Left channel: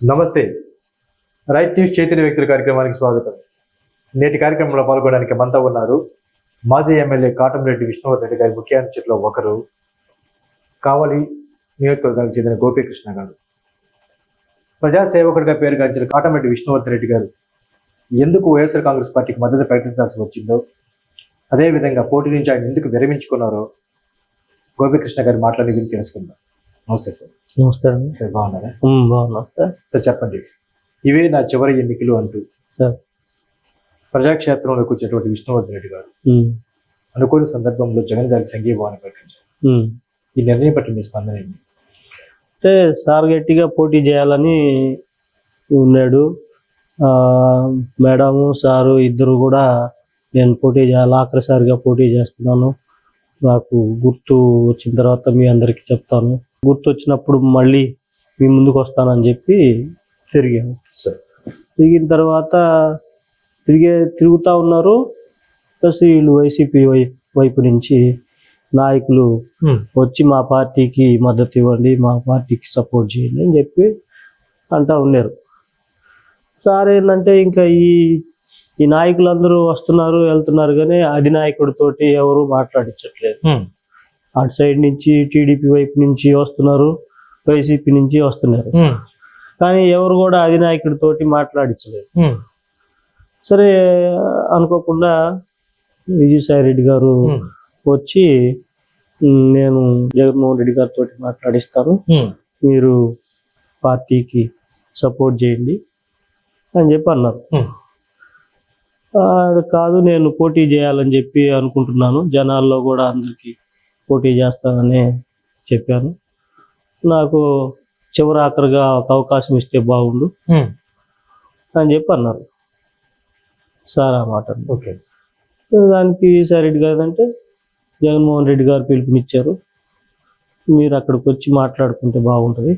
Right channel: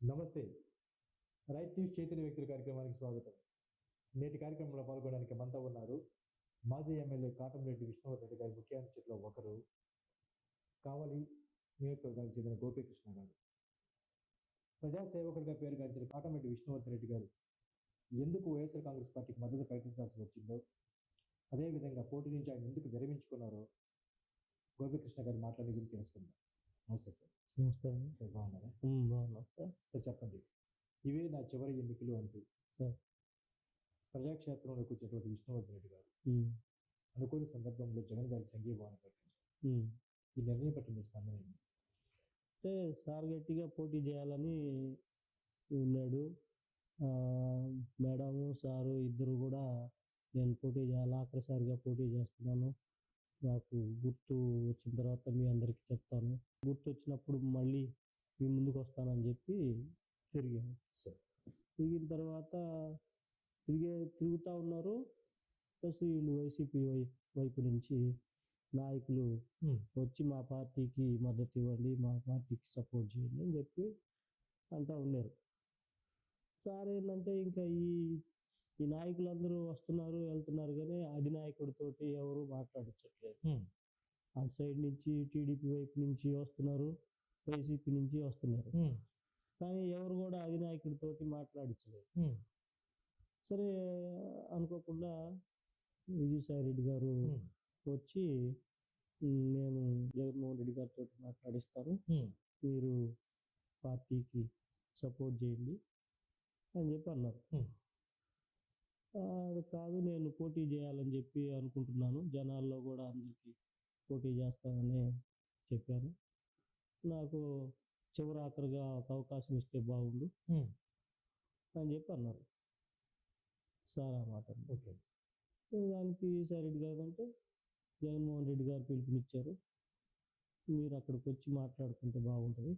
నమస్తే. Right news Chaitanya వ్యక్తుల కార్యక్రమానికి స్వాగతం. నేటి కార్యక్రమంలో పాల్గొనడానికి మంతా ఉన్నారు మాజీ ఎమ్మెల్యే కాటంరెడ్డి విష్ణువర్ధన్ రెడ్డి గారి ముఖ్య అనుచరులో ఒకరు కావలి నియోజకవర్గానికి చెందిన గోపీకృష్ణ గారు. ప్రజాసేవకుడిగా పేరుగాంచిన కాటంరెడ్డి విష్ణువర్ధన్ రెడ్డి గారు ఎందుకు వైఎస్ఆర్ కాంగ్రెస్ పార్టీకి మద్దతు ప్రకటించాల్సి వచ్చిందో అదేవిధంగా పోటీ నుంచి ఆయన ఎందుకు విరమించుకున్నారో గోపీకృష్ణ గారి మాట్లాడి గురించి తెలుసుకుందాం. నమస్తే సార్. నమస్తే అండి. సార్ బాగున్నారా? బాగున్నా. సార్? సార్ చెప్పండి. ఇవే నా చివరి ఎన్నికలు అంటూ సార్. ప్రజాక్షేత్రంలోకి వచ్చినటువంటి విష్ణువర్ధన్ రెడ్డి గారు అనుకోని సందర్భంలో జగన్ గారికి సంఘీభావాన్ని ప్రకటించారు. ఈ నిర్ణయం పట్ల మీ స్పందన ఏంటి? అంటే సార్ గట్టిగా పోటీ చేయాలని ఉన్నాడు. మేడము సారు ఇద్దరు కూడా నేను పోటీ చేయాలి ఆఖరిసారిగా పోటీ చేస్తున్నాను. నాకు గుర్తు వచ్చిన తర్వాత మీ అందరికీ చెప్తాను. గుర్తు వచ్చినప్పుడు మళ్ళీ మీ ముందుకు వస్తానని చెప్పి తిరిగాము. సార్. తిరిగిన తర్వాత తిరిగే తిరుగుతూ ఉన్నారు. ప్లస్ వీళ్ళు వైసీపీ వైపు నుంచి నాయకులు వచ్చి మా పార్టీకి మద్దతు ఇవ్వండి మా పార్టీకి సపోర్ట్ చేయండి అని చెప్పి అంటా ఉన్నారు. సార్ ఏంటంటే ఇంకా ఈ ఈ నాయకులందరూ వస్తున్నారు వెళ్తున్నారు కానీ అధినాయకుడితోటి ఎవరు మాట్లాడించట్లేదు. అటు సైడ్ నుంచి టీడీపీ వైపు నుంచి వస్తున్నారు వైసీపీ నుంచి వస్తున్నారు. కానీ ఎవరు కూడా అధినాయకుడితోటి మాట్లాడించలేదు. సరే అనుకోకుండా విజయసాయి రెడ్డి గారు వచ్చి "ఉమ్, నేను జగన్మోహన్ రెడ్డి గారితో మాట్లాడిస్తాను. మీరు పార్టీకి సపోర్ట్ చేయండి అని చెప్పి అన్నారు. ఆ, కాదు నేను పోటీ చేయాలని చెప్పి అనుకుంటున్నాను. జనాల్లో కూడా అందరికీ పోటీ చేస్తానని చెప్పాను. నాకు చివరి ఆఖరిగా ఒక అవకాశం ఇస్తే బాగుండు అని చెప్పి అన్నారు. సార్ ఆ మాట. ఓకే. దానికి సార్ రెడ్డి గారు అంటే జగన్మోహన్ రెడ్డి గారు పిలుపునిచ్చారు. మీరు అక్కడికి వచ్చి మాట్లాడుకుంటే బాగుంటుంది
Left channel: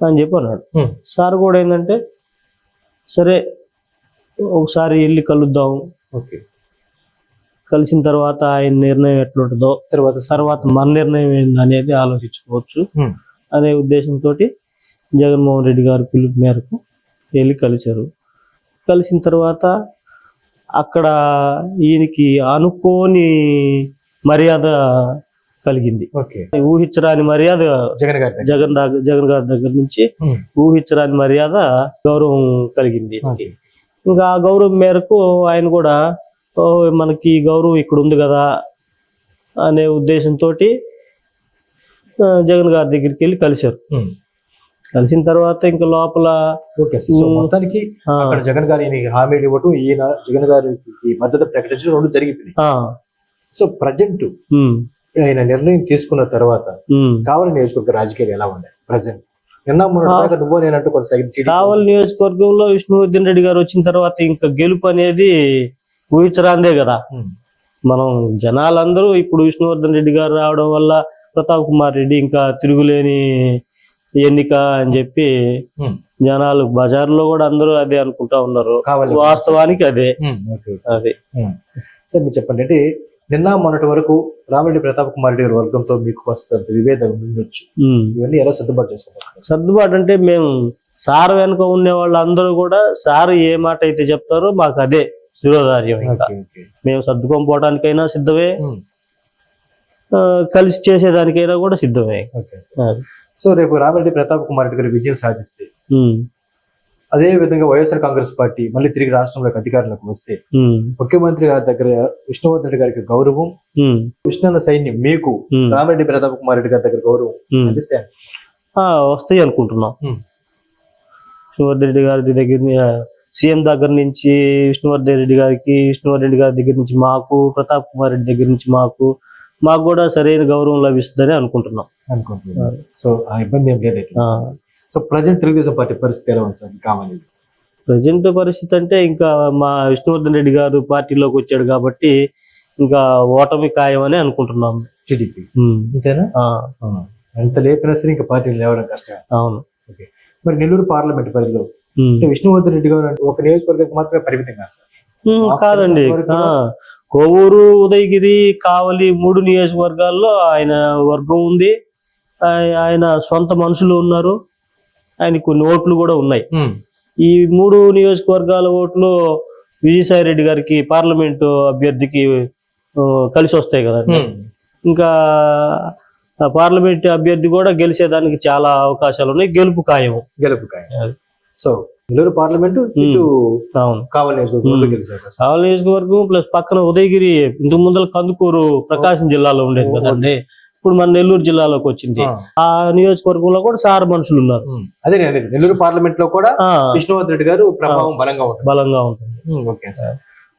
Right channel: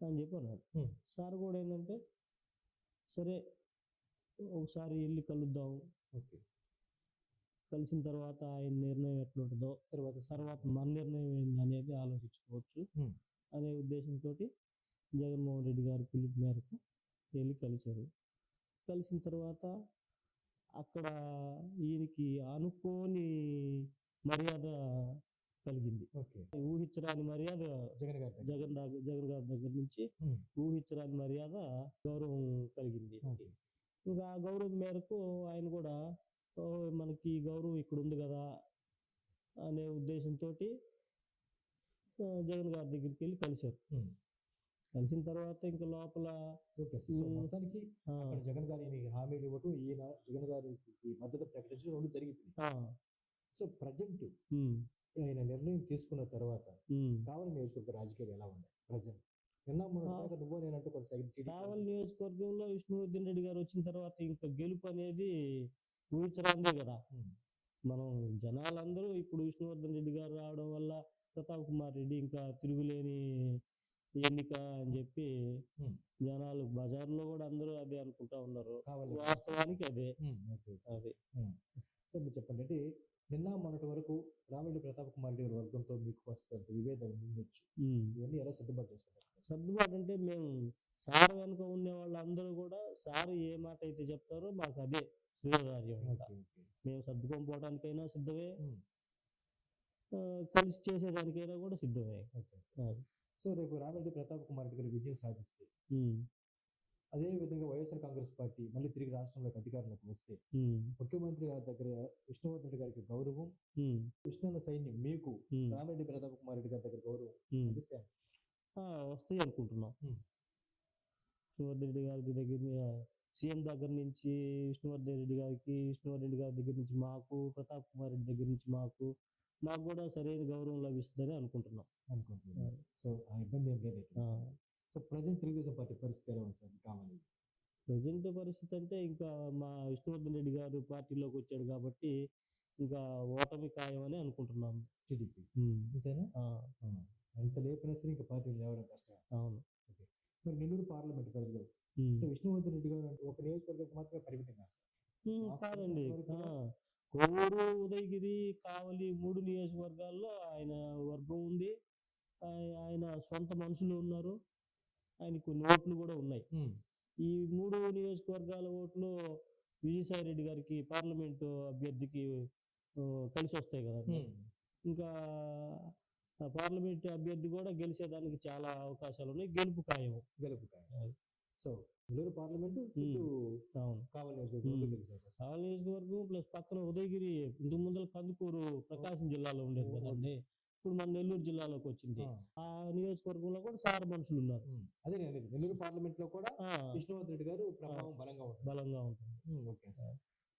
అని చెప్పి అన్నాడు. సార్ కూడా ఏంటంటే సరే ఒకసారి వెళ్ళి కలుద్దాం. ఓకే. కలిసిన తర్వాత ఆయన నిర్ణయం ఎట్లుంటుందో తర్వాత తర్వాత మన నిర్ణయం ఏంది అనేది ఆలోచించుకోవచ్చు అనే ఉద్దేశంతో జగన్మోహన్ రెడ్డి గారి పిలుపు మేరకు వెళ్ళి కలిశారు. కలిసిన తర్వాత అక్కడ ఈయనకి అనుకోని మర్యాద కలిగింది. ఓకే. ఊహించరాని మర్యాద జగన్ గారి. జగన్ జగన్ గారి దగ్గర నుంచి. ఊహించరాని మర్యాద గౌరవం కలిగింది. ఇంకా ఆ గౌరవం మేరకు ఆయన కూడా "ఓ, మనకి గౌరవం ఇక్కడ ఉంది కదా అనే ఉద్దేశంతో జగన్ గారి దగ్గరికి వెళ్ళి కలిశారు. కలిసిన తర్వాత ఇంకా లోపల ఓకే. మొత్తానికి అక్కడ జగన్ గారి హామీలు ఇవ్వటం ఈయన జగన్ గారికి మద్దతు ప్రకటించడం రెండు జరిగిపోయింది ఆ, సో ప్రజెంట్ ఆయన నిర్ణయం తీసుకున్న తర్వాత. కావలి నియోజకవర్గ రాజకీయాలు ఎలా ఉన్నాయి ప్రజెంట్ నిన్న మొన్న దాకా నువ్వు నేనంటూ కొనసాగింది టీడీపీ. కావలి నియోజకవర్గంలో విష్ణువర్ధన్ రెడ్డి గారు వచ్చిన తర్వాత ఇంకా గెలుపు అనేది ఊహించరాందే కదా. మనం జనాలందరూ ఇప్పుడు విష్ణువర్ధన్ రెడ్డి గారు రావడం వల్ల ప్రతాప్ కుమార్ రెడ్డి ఇంకా తిరుగులేని ఎన్నిక అని చెప్పి. జనాలు బజార్లో కూడా అందరూ అదే అనుకుంటా ఉన్నారు. వాస్తవానికి అదే. అదే. సార్ మీరు చెప్పండి. అంటే నిన్న మొన్నటి వరకు రామిరెడ్డి ప్రతాప్ కుమార్ రెడ్డి గారి వర్గంతో మీకు వస్తున్న విభేదం ఉండొచ్చు. ఇవన్నీ ఎలా సర్దుబాటు చేసుకుంటారు సర్దుబాటు అంటే మేము సార్ వెనుక ఉండే వాళ్ళందరూ కూడా సార్ ఏ మాట అయితే చెప్తారో మాకు అదే. శిరోధార్యం ఇంకా. మేము సర్దుకొని పోవడానికైనా సిద్ధమే కలిసి చేసేదానికైనా కూడా సిద్ధమే. సో రేపు రామిరెడ్డి ప్రతాప్ కుమార్ రెడ్డి గారి విజయం సాధిస్తే. అదే విధంగా వైఎస్ఆర్ కాంగ్రెస్ పార్టీ మళ్ళీ తిరిగి రాష్ట్రంలోకి అధికారంలోకి వస్తే. ముఖ్యమంత్రి గారి దగ్గర విష్ణువర్ధన్ రెడ్డి గారికి గౌరవం. విష్ణున్న సైన్యం మీకు. రామిరెడ్డి ప్రతాప్ కుమార్ రెడ్డి గారి దగ్గర గౌరవం వస్తాయి అనుకుంటున్నాం. విష్ణువర్ధన్ రెడ్డి గారి దగ్గర సీఎం దగ్గర నుంచి విష్ణువర్ధన్ రెడ్డి గారికి విష్ణువర్ధన్ రెడ్డి గారి దగ్గర నుంచి మాకు ప్రతాప్ కుమార్ రెడ్డి దగ్గర నుంచి మాకు మాకు కూడా సరైన గౌరవం లభిస్తుందని అనుకుంటున్నాం. అనుకుంటున్నారు. సో ఆ ఇబ్బంది ఏం లేదు. సో ప్రజెంట్ తెలుగుదేశం పార్టీ పరిస్థితి ఎలా ఉంది సార్? కావాలి. ప్రజెంట్ పరిస్థితి అంటే ఇంకా మా విష్ణువర్ధన్ రెడ్డి గారు పార్టీలోకి వచ్చాడు కాబట్టి ఇంకా ఓటమి ఖాయమని అనుకుంటున్నాం. టీడీపీ. అంతేనా ఎంత లేపినా సరే ఇంకా పార్టీలు లేవడం కష్టం అవును. మరి నెల్లూరు పార్లమెంట్ పరిధిలో విష్ణువర్ధన్ రెడ్డి గారు అంటే ఒక నియోజకవర్గానికి మాత్రమే పరిమితం కాదు మాకు కాదండి. కోవూరు ఉదయగిరి కావలి మూడు నియోజకవర్గాల్లో ఆయన వర్గం ఉంది. ఆయ- ఆయన సొంత మనుషులు ఉన్నారు. ఆయన కొన్ని ఓట్లు కూడా ఉన్నాయి. ఈ మూడు నియోజకవర్గాల ఓట్లు విజయసాయి రెడ్డి గారికి పార్లమెంటు అభ్యర్థికి కలిసి వస్తాయి కదండి. ఉమ్, ఇంకా పార్లమెంట్ అభ్యర్థి కూడా గెలిచేదానికి చాలా అవకాశాలు ఉన్నాయి. గెలుపు ఖాయం గెలుపు కాయ సో నెల్లూరు పార్లమెంటు ఇటు అవును. కావాలి. గెలిచారు కావలి నియోజకవర్గం ప్లస్ పక్కన ఉదయగిరి ఇంతకు ముందర కందుకూరు ప్రకాశం జిల్లాలో ఉండేది కదండి. ఇప్పుడు మన నెల్లూరు జిల్లాలోకి వచ్చింది. ఆ, నియోజకవర్గంలో కూడా సార్ మనుషులు ఉన్నారు. అదే. నెల్లూరు పార్లమెంట్లో కూడా విష్ణువర్ధన్ రెడ్డి గారు ప్రభావం బలంగా ఉంటుంది. బలంగా ఉంటుంది. Okay sir.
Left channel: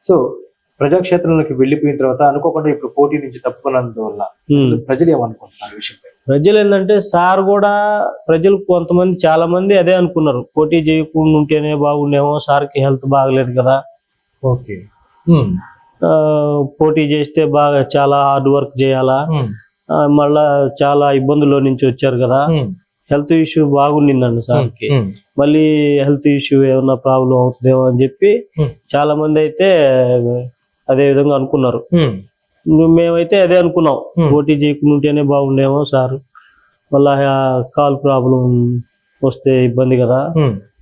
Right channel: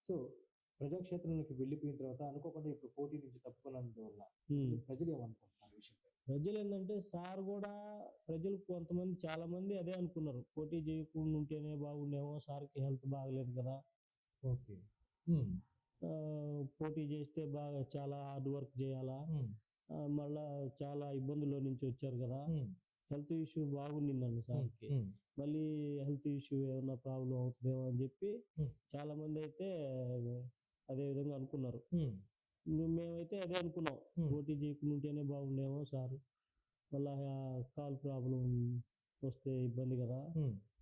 సో ప్రజాక్షేత్రంలోకి వెళ్ళిపోయిన తర్వాత అనుకోకుండా ఇప్పుడు పోటీ నుంచి తప్పుకున్నందువల్ల. ప్రజలు ఏమనుకుంటున్నారు విషయంపై? ప్రజలు ఏంటంటే సార్ కూడా ప్రజలు కొంతమంది చాలా మంది అదే అనుకున్నారు. పోటీ చేయకుండా ఉంటేనే బాగుండేమో సార్కి హెల్త్ బాగలేదు కదా. ఓకే. పోటీ చేస్తే బాగా చాలా హార్డ్ వర్క్ చేయాలా? మళ్ళా చాలా ఇబ్బందుల్లో నుంచి వచ్చారు కదా. హెల్త్ ఇష్యూ బాగుండిందండి సార్కి. మళ్ళీ హెల్త్ ఇష్యూ ఏమన్నా ప్రాబ్లం అవుతుందేమో అని చెప్పి. చాలా మంది అయితే అదే విధంగా అనుకున్నారు. మేమైతే అదే అనుకున్నాం. Hmm. పోటీ చేయకుండా ఉంటేనే బాగుండేమో సార్. మళ్ళా ఆ కాల్ ప్రాబ్లం వస్తే ఇబ్బంది కదా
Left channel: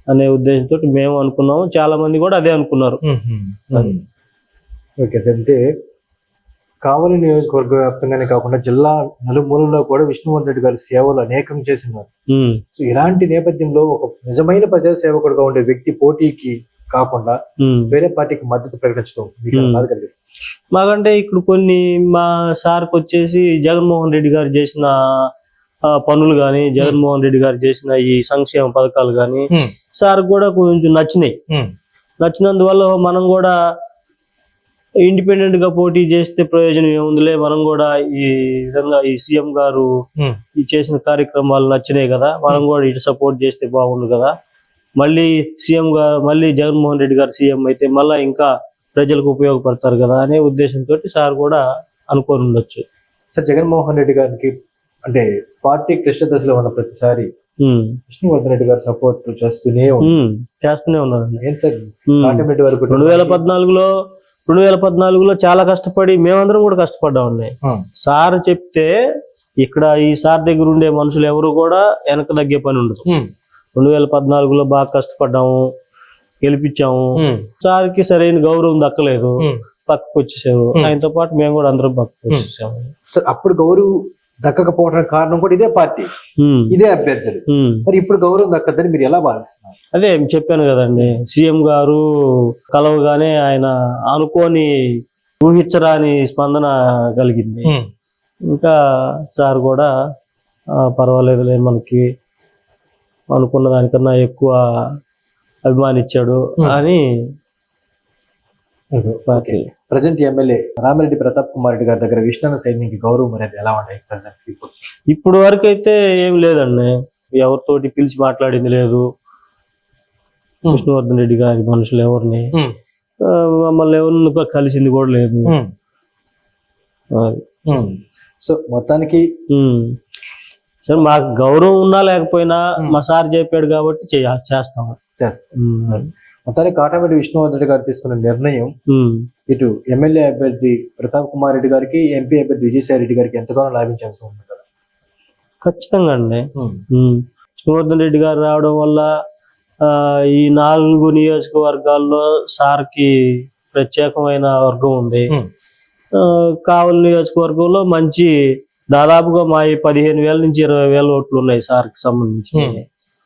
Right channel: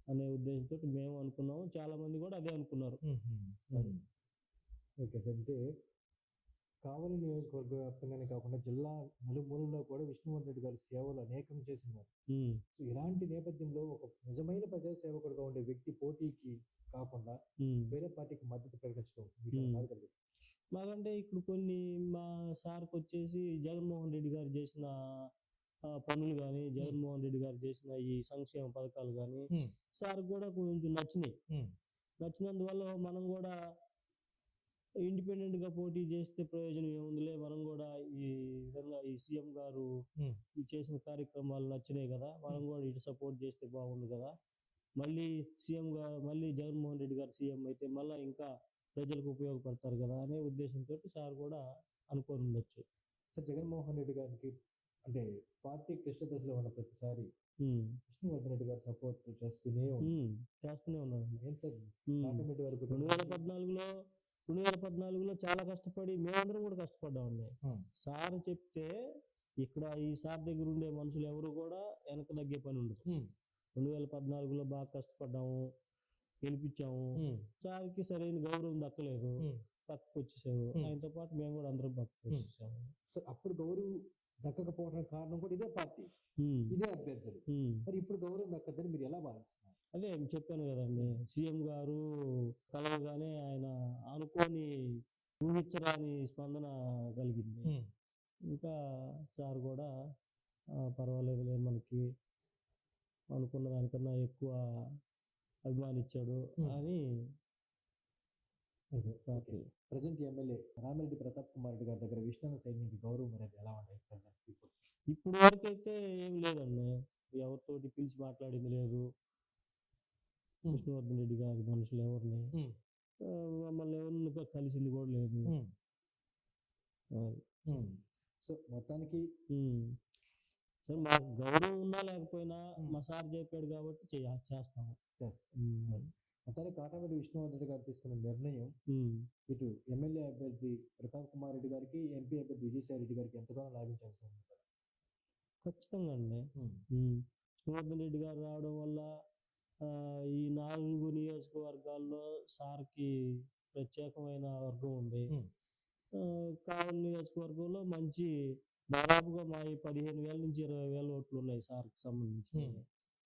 అనే ఉద్దేశంతో మేము అనుకున్నాము. చాలా మంది కూడా అదే అనుకున్నారు. ఓకే సార్ అంటే కావలి నియోజకవర్గ వ్యాప్తంగానే కాకుండా జిల్లా నలుమూలలో కూడా విష్ణువర్ధన్ రెడ్డి గారి సేవలు అనేకం చేసినారు సో ఇలాంటి నేపథ్యంలో ఒక నిజమైన ప్రజాసేవకుడుగా ఉండే వ్యక్తి పోటీకి కాకుండా. వేరే పార్టీకి మద్దతు ప్రకటించడం మాకంటే ఇప్పుడు కొన్ని మా సార్కి వచ్చేసి జగన్మోహన్ రెడ్డి గారు చేసిన పనులు కానీ జగన్మోహన్ రెడ్డి గారు చేసిన ఈ సంక్షేమ పథకాలు కానీ సార్ కూడా కొంచెం నచ్చినాయి. నచ్చినందువల్ల మనం కూడా ఇండిపెండెంట్గా పోటీ చేస్తే ప్రయోజనం ఏముందిలే మనం కూడా ఈ విధంగా ఈ సీఎం గారు ఈ చేసిన కార్యక్రమాలు నచ్చినాయి కదా మనం కూడా ఇటు సపోర్ట్ చేస్తే బాగుండు కదా. మళ్ళీ సీఎం గా మళ్ళీ జగన్మోహన్ రెడ్డి గారు సీఎం అయితే మళ్ళా ఇంకా ప్రజలకు ఉపయోగపడతారు కదా అనే ఉద్దేశంతో సార్ కూడా అనుకొని ఉండొచ్చు. సార్ జగన్మోహన్ రెడ్డి గారికి అంటే పార్టీ క్లిష్ట దశలో ఉన్న ప్రతిసారి విష్ణువర్ధన్ రెడ్డి గారు సపోర్ట్ చేస్తూనే ఉన్నారు. చేస్తూనే. కాటమిరెడ్డి వరకు రెండు వేల పద్నాలుగులో రెండు వేల పద్నాలుగులో చాలా కష్టపడి మేమందరం కూడా కష్టపడ్డామండి సార్ చెప్తే ఇక్కడ ఈ సార్ దగ్గర ఉండే మనుషులు ఎవరు కూడా వెనక తగ్గే పని ఉండదు. రెండు వేల పద్నాలుగులో బాగా కష్టపడ్డాము గెలిపించాము. సార్కి సరైన గౌరవం దక్కలేదు. పక్కకు వచ్చేసారు Hmm. ఆయనతో పాటు మేము కూడా అందరం పక్కకు వచ్చేసాము సార్ అప్పుడు గౌరవ్ దక్కకపోవడానికి కారణం కూడా ఇదే పార్టీ. ఇదే అభ్యర్థులు. మరి ఇప్పుడు గౌరవం దక్కద్దని మీరు ఎలా భావిస్తున్నారు? అదే చెప్పాను కదండి. సీఎం గారు కలవగానే ఆయన అనుకోని ఊహించరాని స్పందన కలిగింది. ఇంకా సార్ కూడా పర్వాలేదులే మనకి అనుకున్న దానికన్నా ఎక్కువ అభిమానించాడు Hmm. అని party. Present MLA Ramireddy Pratap Kumar Reddy గారి దగ్గర విష్ణు సైన్యకి గౌరవం అనేది ఎలా ఉన్నాయి ప్రజెంట్ ఇప్పుడు ఇప్పుడు వరకు అయితే ఏం లేదండి. ఎవరితోటి పిలిచి మాట్లాడింది లేదు. Hmm. విష్ణువర్ధన్ రెడ్డి గారి మనుషులు ఎవరిని? మమ్మల్ని ఎవరిని కలిసింది కూడా లేదు. సో మొత్తానికి. సరే మాకు గౌరవం ఉన్నా లేకపోయినా. మా సార్ చెప్పాడు కాబట్టి చేయ చేస్తాం. మొత్తానికి కాటమిరెడ్డి విష్ణువర్ధన్ రెడ్డి గారు తీసుకున్న నిర్ణయం. ఇటు ఎమ్మెల్యే అభ్యర్థి ప్రతాప్ కుమార్ రెడ్డి గారికి ఎంపీ అభ్యర్థి విజయసాయి రెడ్డి గారికి ఎంతగానో లాభించాల్సి ఉంది కదా ఖచ్చితంగా అండి. విష్ణువర్ధన్ రెడ్డి గారు రావడం వల్ల ఈ నాలుగు నియోజకవర్గాల్లో సార్కి ప్రత్యేకమైన వర్గం ఉంది కావలి నియోజకవర్గంలో మంచి దాదాపుగా మా ఈ పదిహేను వేల నుంచి ఇరవై వేల ఓట్లు ఉన్నాయి సార్కి సంబంధించి.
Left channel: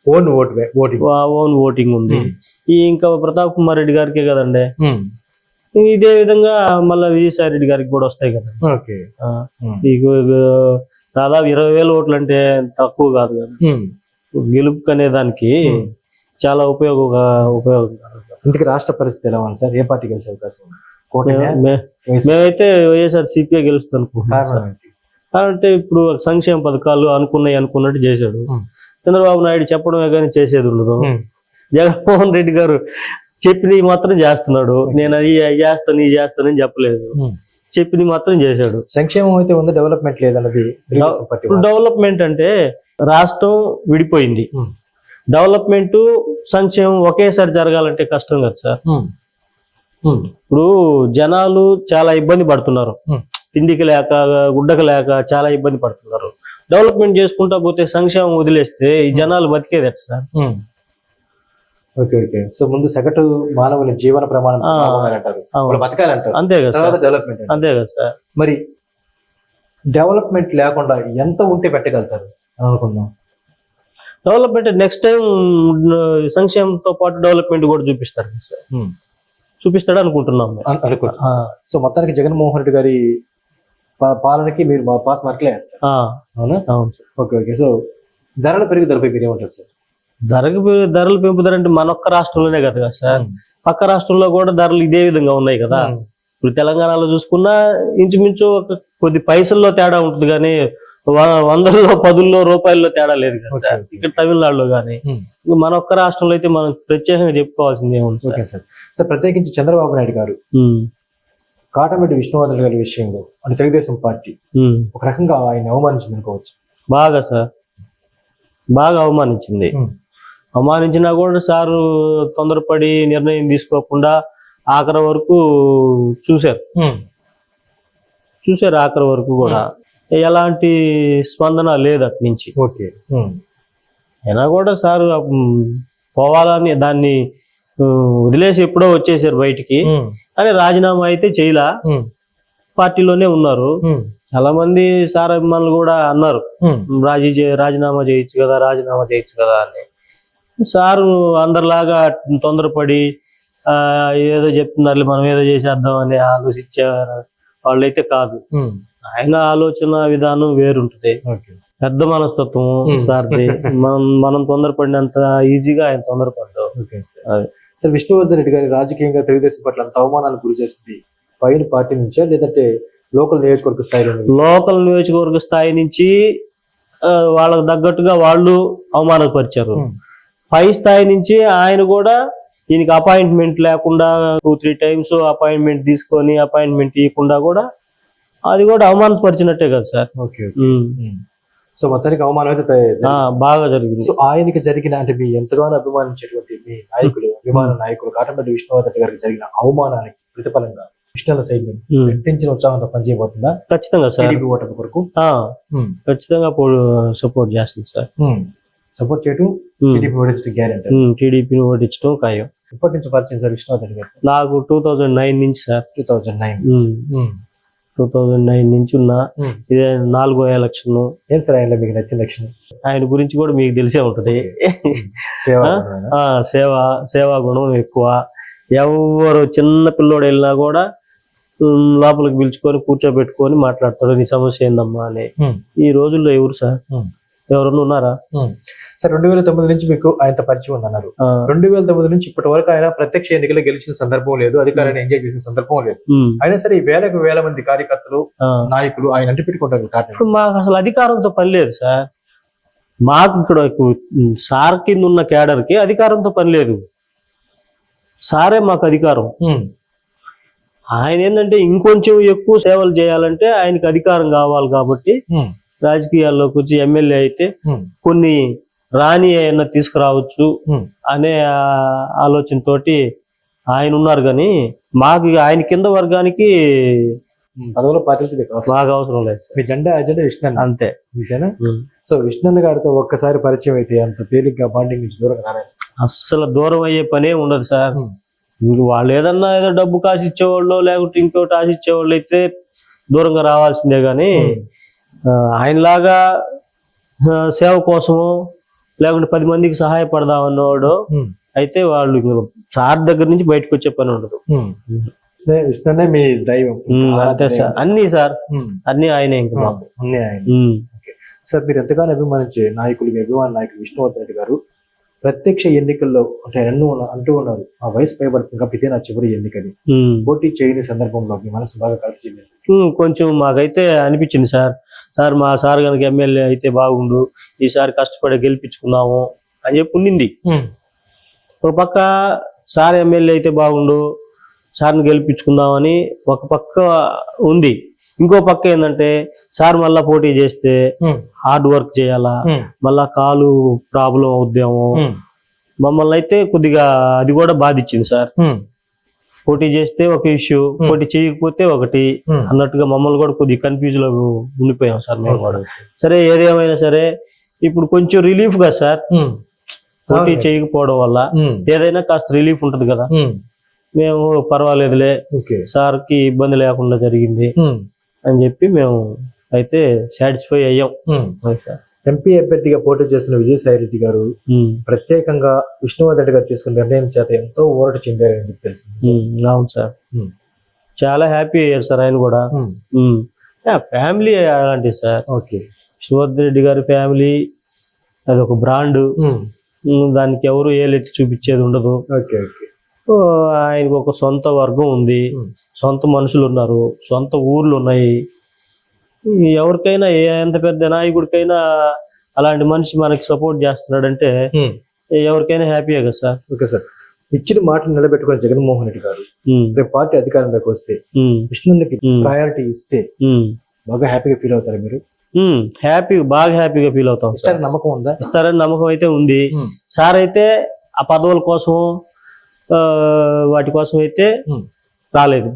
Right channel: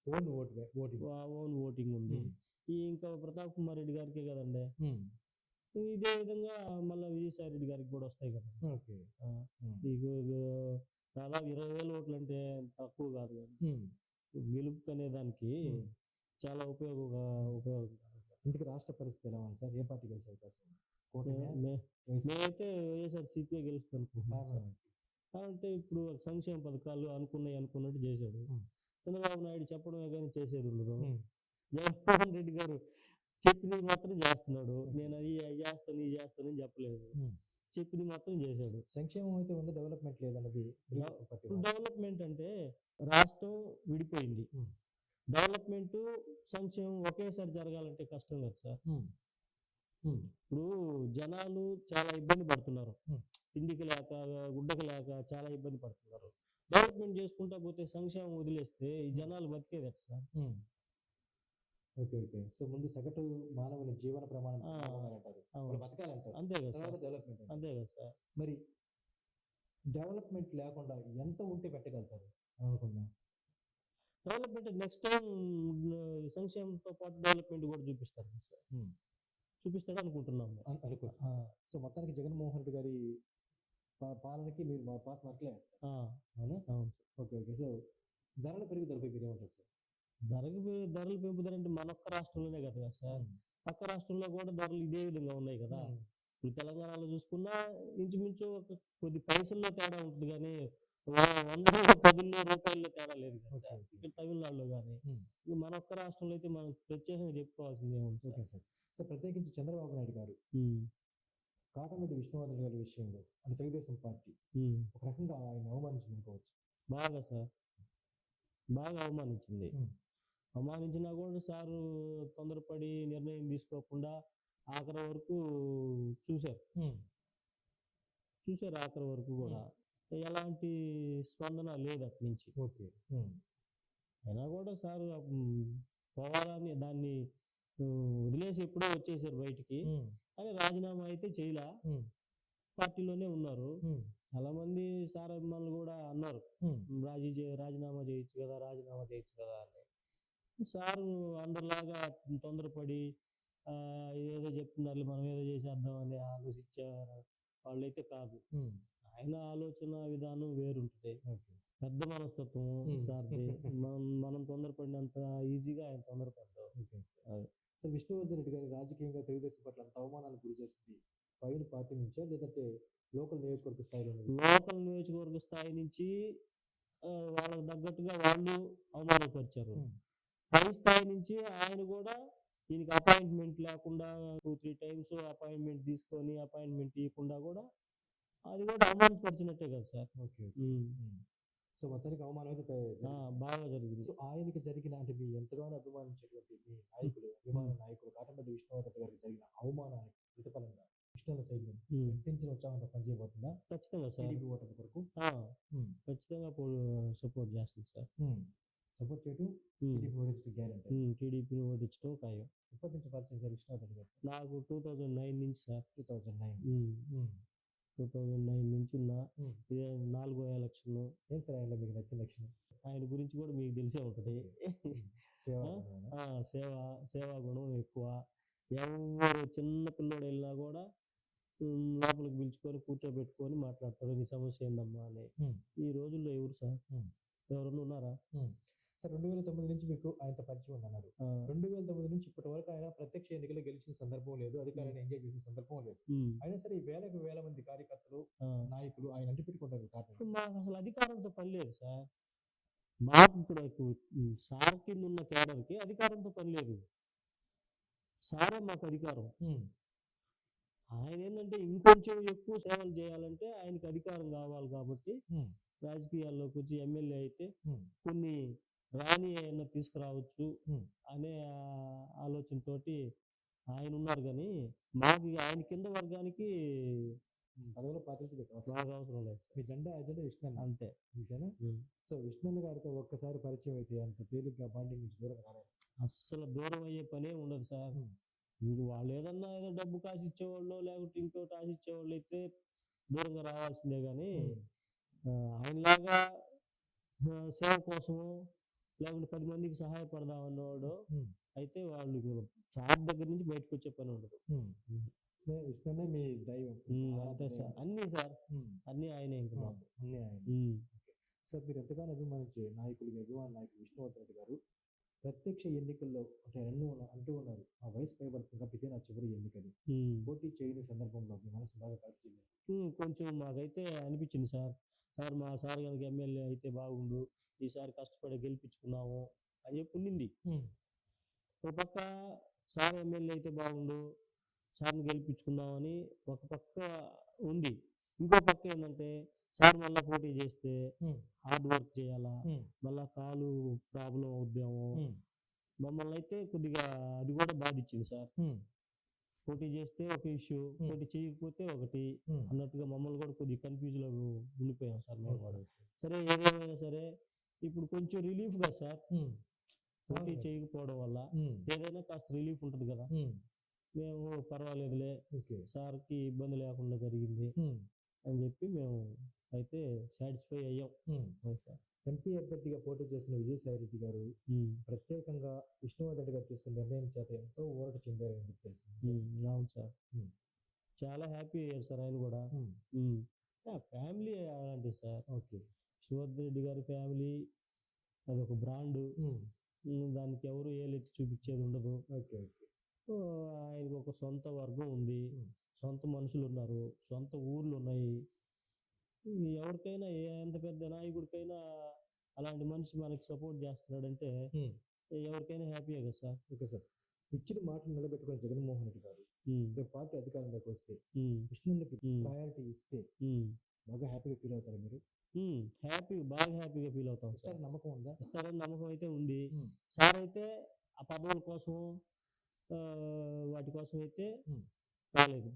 Own vote voting. Own voting ఉంది. ఈ ఇంకా ప్రతాప్ కుమార్ రెడ్డి గారికే కదండి. ఇదే విధంగా మళ్ళీ విజయసాయి రెడ్డి గారికి కూడా వస్తాయి కదా. దాదాపు ఇరవై వేల ఓట్లు అంటే తక్కువ కాదు కదా. గెలుపు అనే దానికి. చాలా ఉపయోగ ఉపయోగకరం ఇంటికి రాష్ట్ర పరిస్థితి ఎలా ఉంది సార్? ఏ పార్టీ గెలిచే అవకాశం మేమైతే వైఎస్ఆర్ సిపిఐ ఏంటి? అంటే ఇప్పుడు సంక్షేమ పథకాలు అనుకున్నాయి అనుకున్నట్టు చేశాడు. చంద్రబాబు నాయుడు చెప్పడమే కానీ చేసేది ఉండదు. జగన్మోహన్ రెడ్డి గారు చెప్పినవి మాత్రం చేస్తున్నాడు నేను అది చేస్తాను ఇది చేస్తానని చెప్పలేదు. చెప్పినవి మాత్రం చేశాడు సంక్షేమం అయితే ఉంది డెవలప్మెంట్ లేదన్నది ఇప్పుడు. డెవలప్మెంట్ అంటే రాష్ట్రం విడిపోయింది. డెవలప్మెంట్ సంక్షేమం ఒకేసారి జరగాలంటే కష్టం కదా సార్. ఇప్పుడు జనాలు చాలా ఇబ్బంది పడుతున్నారు. తిండికి లేక గుడ్డకి లేక చాలా ఇబ్బంది పడుతున్నారు. డెవలప్మెంట్ చేసుకుంటా పోతే సంక్షేమం వదిలేస్తే ఈ జనాలు బతికేది ఎట్ట సార్ ఓకే ఓకే. సో ముందు సగటు మానవుల జీవన ప్రమాణం. వాళ్ళు బతకాలంటారు అంతే కదా తర్వాత సార్. డెవలప్మెంట్ అంతే కదా సార్. మరి డెవలప్మెంట్ లేకుండా ఎంత ఉంటే పెట్టగలుగుతారు? అని అనుకుందాం. డెవలప్మెంట్ నెక్స్ట్ టైం సంక్షేమంతో పాటు డెవలప్మెంట్ కూడా చూపిస్తారు సార్. చూపిస్తాడు అనుకుంటున్నాం మేము. అను- అనుకుంటా ఆ, సో మొత్తానికి జగన్మోహన్ రెడ్డి గారి పాలనకి మీరు మా పాస్ మార్కులే వేస్తారు. ఆ, అవునా? అవును సార్. Okay okay. సో ధరల పెరుగుదలపై మీరు ఏమంటారు సార్? ధరకు ధరలు పెంపుదల అంటే మన ఒక్క రాష్ట్రంలోనే కదా సార్. పక్క రాష్ట్రంలో కూడా ధరలు ఇదే విధంగా ఉన్నాయి కదా. ఇప్పుడు తెలంగాణలో చూసుకున్నా ఇంచుమించు ఒక కొద్ది పైసల్లో తేడా ఉంటుంది కానీ వందల్లో పదుల్లో రూపాయల్లో తేడా లేదు కదా సార్. ఇక్కడ తమిళనాడులో కానీ మన ఒక్క రాష్ట్రంలో అయితే మనం ప్రత్యేకంగా చెప్పుకోవాల్సింది ఏముంది సార్ ఓకే సార్. సార్. ప్రత్యేకించి చంద్రబాబు నాయుడు గారు. కాటమెట్టి విష్ణువర్ధన్ గారి విషయంలో అంటే తెలుగుదేశం పార్టీ. ఒక రకంగా ఆయన అవమానించింది అనుకోవచ్చు బాగా సార్. బాగా అవమానించింది. అవమానించినా కూడా సారు తొందరపడి నిర్ణయం తీసుకోకుండా ఆఖరి వరకు చూశారు. చూశారు ఆఖరి వరకు కూడా. ఎలాంటి స్పందన లేదు అటు నుంచి. ఓకే. అయినా కూడా సార్ పోవాలని దాన్ని వదిలేసి ఎప్పుడో వచ్చేసారు బయటికి. కానీ రాజీనామా అయితే చేయలా. పార్టీలోనే ఉన్నారు. చాలా మంది సార్ అభిమానులు కూడా అన్నారు. రాజీ రాజీనామా చేయొచ్చు కదా రాజీనామా చేయొచ్చు కదా అని. సారు అందరిలాగా తొందరపడి ఏదో చెప్తున్నారు మనం ఏదో చేసేద్దాం అని ఆలోచించే వాళ్ళైతే కాదు. ఆయన ఆలోచన విధానం వేరుంటది. పెద్ద మనస్తత్వం. సార్ది. మనం మనం తొందరపడినంత ఈజీగా ఆయన తొందరపడ్డాం సార్ విష్ణువర్ధన్ రెడ్డి గారి రాజకీయంగా తెలుగుదేశం పట్ల అంత అవమానాలకు గురి చేస్తుంది. పైన పార్టీ నుంచా లేదంటే లోకల్ నియోజకవర్గ స్థాయిలో లోకల్ నియోజకవర్గ స్థాయి నుంచి వాళ్ళకు తగ్గట్టుగా వాళ్ళు అవమానపరిచారు పై స్థాయి నుంచి ఆయన కూడా ఈయనకి అపాయింట్మెంట్ లేకుండా టూ త్రీ టైమ్స్ అపాయింట్మెంట్ తీసుకొని అపాయింట్మెంట్ ఇవ్వకుండా కూడా అది కూడా అవమానపరిచినట్టే కదా సార్. ఓకే. సో మొత్తానికి అవమానం అయితే బాగా జరిగింది. సో ఆయనకి జరిగిన అంటే మీ ఎంతగానో అభిమానించేటువంటి మీ నాయకులు అభిమాన నాయకులు కాటంపల్లి విష్ణువర్ధన్ గారికి జరిగిన అవమానానికి ప్రతిఫలంగా విష్ణుల సైన్యం ఉమ్. రెట్టించిన ఉత్సాహంతో పనిచేయబోతుందా? ఖచ్చితంగా సార్. టీడీపీ ఓటమి కొరకు? ఖచ్చితంగా సపోర్ట్ చేస్తుంది సార్. సపోర్ట్ చేయటం. టీడీపీ ఓడించడం గ్యారెంటీ. టీడీపీని ఓడించడం ఖాయం. ఇప్పటి నుంచి పరిచయం సార్ విష్ణువర్ధన్ గారు? నాకు టూ థౌజండ్ నైన్ నుంచి sir. Two thousand nine two thousand nine నుంచి ఉన్న ఇదే నాలుగో ఎలక్షన్. ఏం సార్ ఆయనలో మీకు నచ్చిన లక్షణం ఆయన గురించి కూడా మీకు తెలిసే ఉంటది. సేవ సేవ సేవా గుణం ఎక్కువ. ఎవరు చిన్న పిల్లోడు వెళ్ళినా కూడా లోపలికి పిలుచుకొని కూర్చోబెట్టుకొని మాట్లాడతాడు. నీ సమస్య ఏందమ్మా అని. ఈ రోజుల్లో ఎవరు సార్. ఎవరన్నా ఉన్నారా? సార్ రెండు వేల తొమ్మిది నుంచి మీకు ఆయనతో పరిచయం ఉందన్నారు. రెండు వేల తొమ్మిది నుంచి ఇప్పటి వరకు ఆయన ప్రత్యక్ష ఎన్నికల్లో గెలిచిన సందర్భం లేదు అధికారాన్ని ఎంజాయ్ చేసిన సందర్భం లేదు. అయినా సరే ఈ వేలకు వేల మంది కార్యకర్తలు. నాయకులు ఆయన అంటి పెట్టుకుంటారు కారణం మాకు అసలు అధికారంతో పని లేదు సార్. మాకు ఇక్కడ సార్ కింద ఉన్న క్యాడర్కి అధికారంతో పని లేదు. సారే మాకు అధికారం. ఆయన ఏంటంటే ఇంకొంచెం ఎక్కువ సేవలు చేయాలంటే ఆయనకి అధికారం కావాలి కాబట్టి రాజకీయాల్లోకి వచ్చి ఎమ్మెల్యే అయితే కొన్ని రాని అయినా తీసుకురావచ్చు అనే ఆ, ఆలోచనతోటి ఆయన ఉన్నారు కానీ మాకు ఆయన కింద వర్గానికి పదవుల పార్టీలు మీకు అవసరం. లేదు. మీ జెండా అజెండా విష్ణు అంతే. అంతేనా? సో విష్ణు గారితో ఒక్కసారి పరిచయం అయితే అంత తేలిగ్గా బాండింగ్ నుంచి దూరం రాలేదు. అస్సలు దూరం అయ్యే పనే ఉండదు సార్. వాళ్ళు ఏదన్నా ఏదో డబ్బు కాసి ఇచ్చేవాళ్ళు లేకుంటే ఇంకోటి ఆశ ఇచ్చేవాళ్ళు అయితే దూరంగా రావాల్సిందే కానీ ఆయనలాగా సేవ కోసము లేకుంటే పది మందికి సహాయపడదాం అన్నవాడు అయితే వాళ్ళు సార్ దగ్గర నుంచి బయటకు వచ్చే పని ఉండదు. విష్ణునే మీ దైవం. అంతే సార్. అన్ని సార్. అన్ని ఆయనే ఇంక మాకు. అన్నీ ఆయన. సార్ మీరు ఎంతగానో అభిమానించే నాయకులు మీ అభిమాన నాయకులు విష్ణువర్ధన్ రెడ్డి గారు. ప్రత్యక్ష ఎన్నికల్లో అంటే అన్ను ఉన్న- అంటూ ఉన్నారు. ఆ వయసు పైబడుతుంది కాబట్టి ఇదే నా చివరి ఎన్నికది. పోటీ చేయని సందర్భంలో మీ మనసు బాగా కలిసి ఉమ్, కొంచెం మాకైతే అనిపించింది సార్. సార్ మా సార్ కనుక ఎమ్మెల్యే అయితే బాగుండు. ఈసారి కష్టపడి గెలిపించుకుందాము అని చెప్పి ఉండింది ఒక పక్క సార్ ఎమ్మెల్యే అయితే బాగుండు. సార్ని గెలిపించుకుందామని ఒక పక్క ఉంది. ఇంకో పక్క ఏంటంటే సార్ మళ్ళా పోటీ చేస్తే హార్డ్ వర్క్ చేయాలా? మళ్ళా కాలు ప్రాబ్లం అవుద్దాము? మమ్మల్ని అయితే కొద్దిగా అది కూడా బాధించింది సార్. పోటీ చేస్తే ఒక ఇష్యూ పోటీ చేయకపోతే ఒకటి. అన్నట్టుగా మమ్మల్ని కూడా కొద్దిగా కన్ఫ్యూజ్లో ఉండిపోయాం సార్ మేము కూడా. సరే ఏదేమైనా సరే ఇప్పుడు కొంచెం రిలీఫ్గా సార్. పోటీ. చేయకపోవడం వల్ల. ఏదైనా కాస్త రిలీఫ్ ఉంటది కదా. మేము పర్వాలేదులే. సార్కి ఇబ్బంది లేకుండా జరిగింది. అని చెప్పి మేము అయితే సాటిస్ఫై అయ్యాం. ఎంపీ అభ్యర్థిగా పోటీ చేస్తున్న విజయసాయి రెడ్డి గారు ప్రత్యేకంగా విష్ణువర్ధన్ రెడ్డి గారు తీసుకున్న నిర్ణయం చేత ఎంతో ఊరట చెందారని చెప్పి తెలిసింది అవును సార్. చాలా హ్యాపీ అయ్యారు సార్ ఆయన కూడా. ఫ్యామిలీ అలాంటిది సార్. ఓకే. విష్ణువర్ధన్ రెడ్డి గారి ఫ్యామిలీ అది ఒక బ్రాండ్. దానికి ఎవరు ఏలెత్తి చూపించేది ఉండదు. Okay okay. ఆయనకు ఒక సొంత వర్గం ఉంది. సొంత మనుషులు ఉన్నారు సొంత ఊర్లు ఉన్నాయి ఎవరికైనా ఏ ఎంత పెద్ద నాయకుడికైనా అలాంటి మనిషి మనకి సపోర్ట్ చేస్తున్నాడంటే. ఎవరికైనా హ్యాపీయే కదా సార్? Okay sir. ఇచ్చిన మాటను నిలబెట్టుకున్న జగన్మోహన్ రెడ్డి గారు రేపు పార్టీ అధికారంలోకి వస్తే ఉమ్, ప్రయారిటీ ఇస్తే బాగా హ్యాపీగా ఫీల్ అవుతారు మీరు? హ్యాపీ బాగా హ్యాపీగా ఫీల్ అవుతాం ఇస్తారని నమ్మకం ఉందా? ఇస్తారని నమ్మకం అయితే ఉంది. సార్ అయితే ఆ పదవుల కోసం వాటి కోసం అయితే ఉమ్. రాలేదు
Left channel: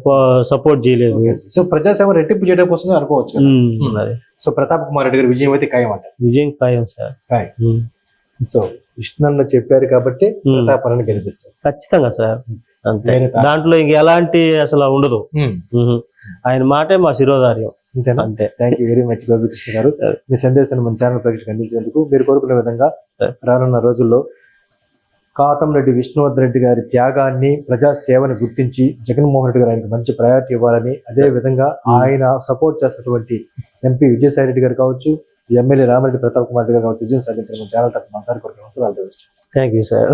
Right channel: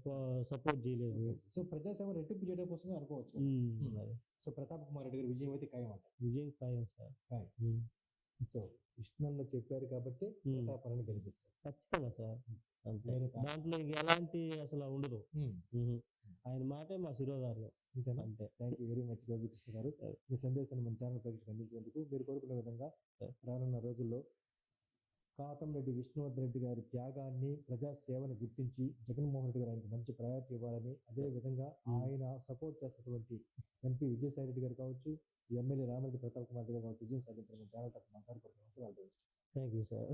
సపోర్ట్ చేయలేదు. సో ప్రజాసేవ రెట్టింపు చేయడం కోసం అనుకోవచ్చు కదా. ఉమ్, ఉమ్. అది. సో ప్రతాప్ కుమార్ రెడ్డి గారి విజయం అయితే ఖాయం అంట విజయం ఖాయం సార్ ఖాయం సో విష్ణు చెప్పారు కాబట్టి ఉమ్. ప్రతాపాలను గెలిపిస్తారు ఖచ్చితంగా సార్ అంతే దాంట్లో ఇంక ఎలాంటి అసలు ఉండదు. ఆయన మాటే మా శిరోధార్యం అంతేనా అంతే thank you very much Gopikrishna garu మీ సందేశాన్ని మన ఛానల్ అందించేందుకు మీరు కోరుకునే విధంగా. రానున్న రోజుల్లో కాటంరెడ్డి విష్ణువర్ధన్ రెడ్డి గారి త్యాగాన్ని ప్రజా సేవని గుర్తించి జగన్మోహన్ రెడ్డి గారు ఆయనకు మంచి ప్రయారిటీ ఇవ్వాలని అదే విధంగా ఆయన సపోర్ట్ చేస్తున్నటువంటి ఎంపీ విజయసాయి రెడ్డి గారు కావచ్చు ఎమ్మెల్యే రామరెడ్డి ప్రతాప్ కుమార్ రెడ్డి గారు కావచ్చు విజయం సాధించిన మన ఛానల్ తరఫున సార్ కొరకు అవసరాలు థ్యాంక్ యూ సార్.